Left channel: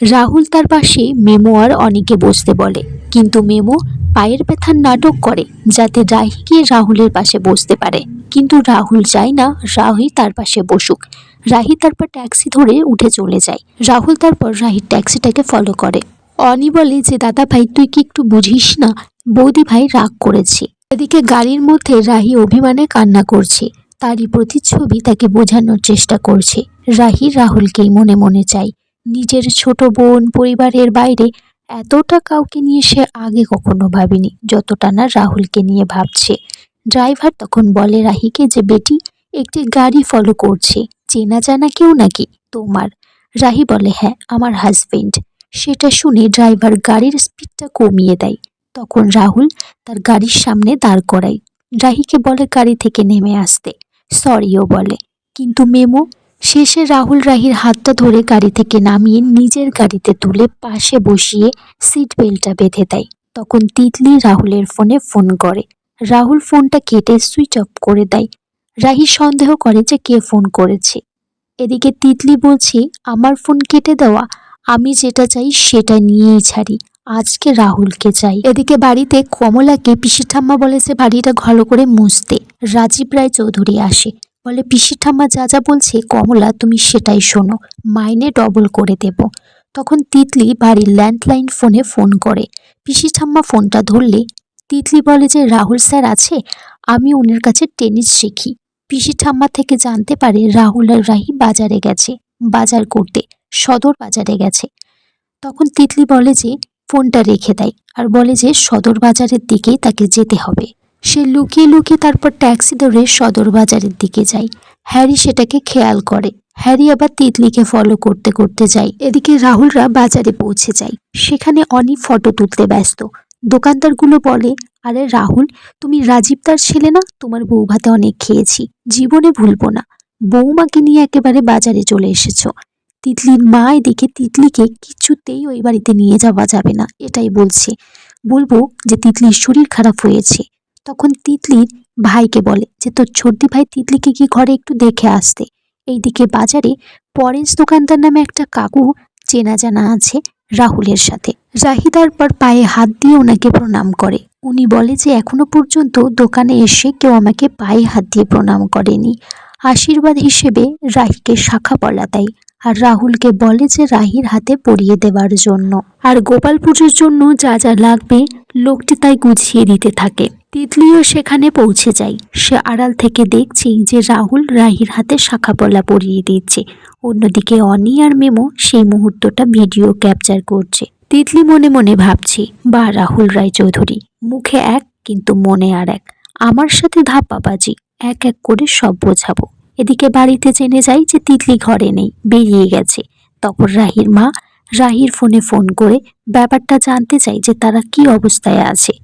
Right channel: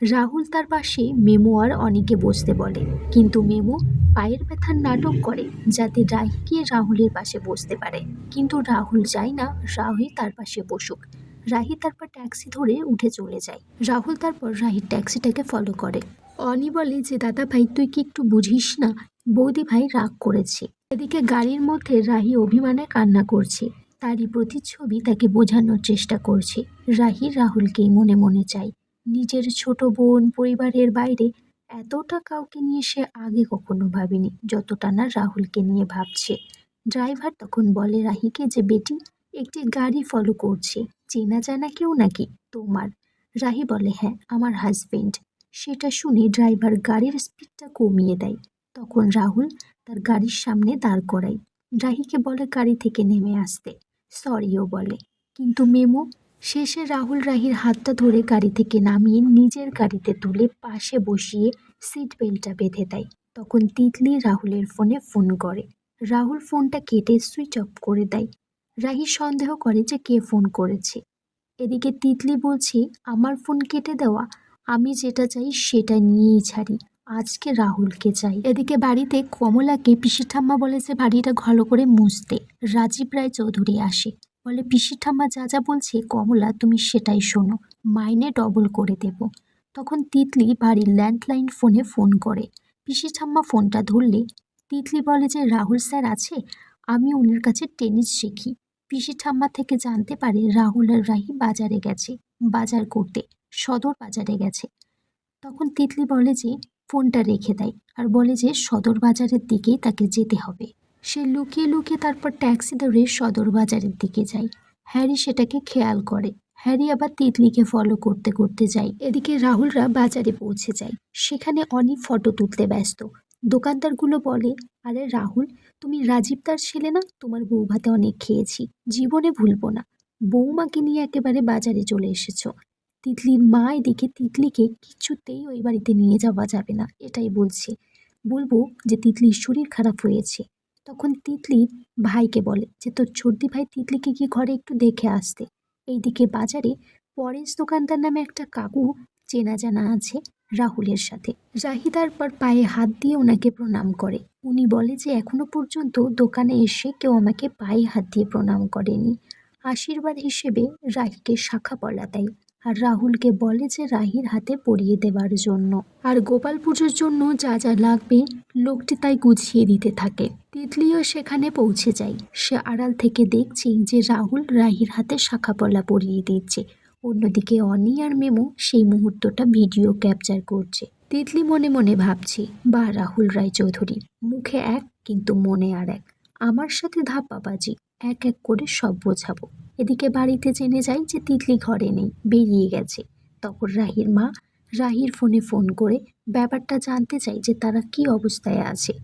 রাহুল তার পাশে মেমো আর অনিকে বসতে বলে, কিন্তু মেমো পায়ের ব্যথার নাটক করে যাতে রাহি গিয়ে রাহুলের পাশে বসতে পারে। কিন্তু রাহুল চায় না রাহি তার পাশে বসুক। রাহি তারপর ট্যাক্সি ধরে উঠে চলে যায়। রাহুল তারপর রাহির ট্যাক্সিটাকে ফলো করে। অনি বলে যে দাদা ভাই তুই কি একটু বুঝিস না, বৌদি ভাই রাগ করেছে। এদিকে গাড়ির মধ্যে রাহি অভিমানে কান্না করছে। তারই প্রতিচ্ছবি তাকে বোঝানোর চেষ্টা করছে। রাহি রাহুলকেই মনে মনে চায়। নিজের ছোট বোন পরিবারের বাইরে এতটা কাউকে নিয়ে সে আগে কখনো ভাবেনি যতটা না রাহুলকে নিয়ে ভাবছে। ড্রাইভার তখন বলে রাহিকে যে বেটি একটি গাড়ি ফলো করছে, চেনা জানা কেউ নাকি তোমার? রাহি বলে হ্যাঁ আমার হাজবেন্ড। সেটা শুনে ড্রাইভার গাড়ির স্পিডটা কমিয়ে দেয়। তখন রাহুল তার গাড়ির সামনে দাঁড় করায়। রাহিকে বলে গাড়ি থেকে নেমে আসতে, সরিও বলে। কিন্তু মেমো শেষে রাহুল রাহির হাতটা ধরে গাড়ি থেকে নামিয়ে নিজের গাড়িতে তুলে পাশে বসিয়ে সিট বেল্টটা বেঁধে দেয়। তখন তিতলি রাহুলের ফোনে ফোন করে। রাহুল ফোনটা কেটে সুইচ অফ করে দেয়। রাহি সন্দেহ করে যে কে ফোন করেছে। এদিকে তিতলি বলছে আমার ফোন কেটে দেওয়া, আমি যেটা চাই সেটা নিয়েই ছাড়ি, আজকে রাহুলকে চাই। এদিকে বাড়িতে কমলাকে পিসি ঠাম্মা বলেছে বাড়িটা ভালো করে মুছতে। রাজীব রায় চৌধুরী আসে, বলে পিসি ঠাম্মা যা যা বলছে কমলা তুমি সেটাই শোনো, মাইনে ডবল করে দেব। তখন তিতলি বাড়ির ল্যান্ডলাইন ফোনে ফোন করে। পিসি ঠাম্মা ফোনটা ধরলে তিতলি বলে যে রাহুল স্যার আছে, আমি ওনার কাছে টেনিস শিখি। পিসি ঠাম্মা থেকে জানতে পারে রাহুল আর রাহি বাজারে গেছে, বাজার করতে, সদর বাজারে গেছে। তখন তিতলি বলে যে ফোনটা রেখে দেয় আর বলে যে সদর বাজারের দিকেই তাকে যেতে হবে। সে লুকিয়ে লুকিয়ে তারপর ট্যাক্সি ধরে সদর বাজারের দিকে যায়। হ্যারি সেটাকে খেয়াল করে। হ্যারি আবার তিতলিকে ফলো করতে করতে যায়। এদিকে রাহুলরা বাজারে পৌঁছে যায়। সেখানে অনেক ফটো তুলতে ব্যস্ত। দোকানদারগুলো বলে আরে রাহুল তুমি রাজীবদার ছেলে না, তোমার বউ ভাতে অনেক খেয়েছি, জীবনে ভুলবো না। বৌমাকে নিয়ে একেবারে বাজারে চলে এসেছো। তিতলির মা এদিকে তিতলিকে কিছুতেই ওই বাড়িতে নিয়ে যাওয়া যাবে না এটাই বলছে, বলবো যে তিতলির শরীর খারাপ হয়েছে। তখন তিতলির ভাইকে বলে যে তোর ছোটদি ভাই তিতলিকে কি ঘরে একটু দেখে আসতে। এইদিকে বাজারে পরেশ দোকানদার নামে একটা কাকু চেনা জানা আছে রাহুলের সাথে। রাহি তারপর পায়ে হাত দিয়ে ওনাকে প্রণাম করে। উনি বলে যে এখনো পর্যন্ত দোকানে এসে কেউ আমাকে পায়ে হাত দিয়ে প্রণাম করেনি। আশীর্বাদ হিসেবে রাহিকে শাখা পলা দেয় আর রাহুলকে বলে যে রাহির হাতে পরিয়ে দেওয়ার জন্য। আর গোপাল পুজোর জন্য যা যা লাগবে লোকটি তাই গুছিয়ে দিতে থাকে। তিতলিও সেখানে পৌঁছে যায়। সে আড়াল থেকে দেখছে যে রাহুল রাহির হাতে শাখা পলা পরিয়ে দিচ্ছে। অন্যদিকে অনি আর মেমো সেই মুহূর্তটা ভিডিও ক্যাপচার করছে। তিতলি মনে মনে ভাবছে বা রাহুল রায় চৌধুরী মুখে এক কিন্তু মনে আর এক, আমার সাথে ধাপ্পাবাজি, এক এক করে সব বোঝাবো। এদিকে বাড়িতে জেনে যায় যে তিতলি ঘরে নেই, বেরিয়ে গেছে। তখন রাহির মা রাহির ফোনে ফোন করে ব্যাপারটা জানতে চায় যে তারা কি অবস্থায় আছে।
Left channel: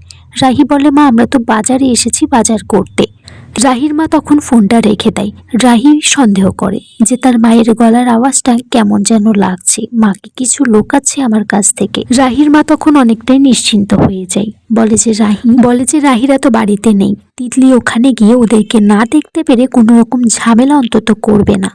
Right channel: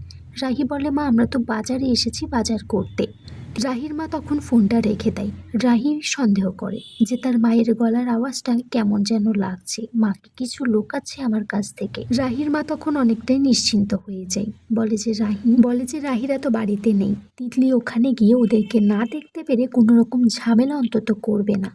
রাহি বলে মা আমরা তো বাজারে এসেছি বাজার করতে। রাহির মা তখন ফোনটা রেখে দেয়। রাহি সন্দেহ করে যে তার মায়ের গলার আওয়াজটা কেমন যেন লাগছে, মাকে কিছু লোকাচ্ছে আমার কাছ থেকে। রাহির মা তখন অনেকটাই নিশ্চিন্ত হয়ে যায়। বলে যে রাহিরা তো বাড়িতে নেই, তিতলি ওখানে গিয়ে ওদেরকে না দেখতে পেরে কোনো রকম ঝামেলা অন্তত করবে না।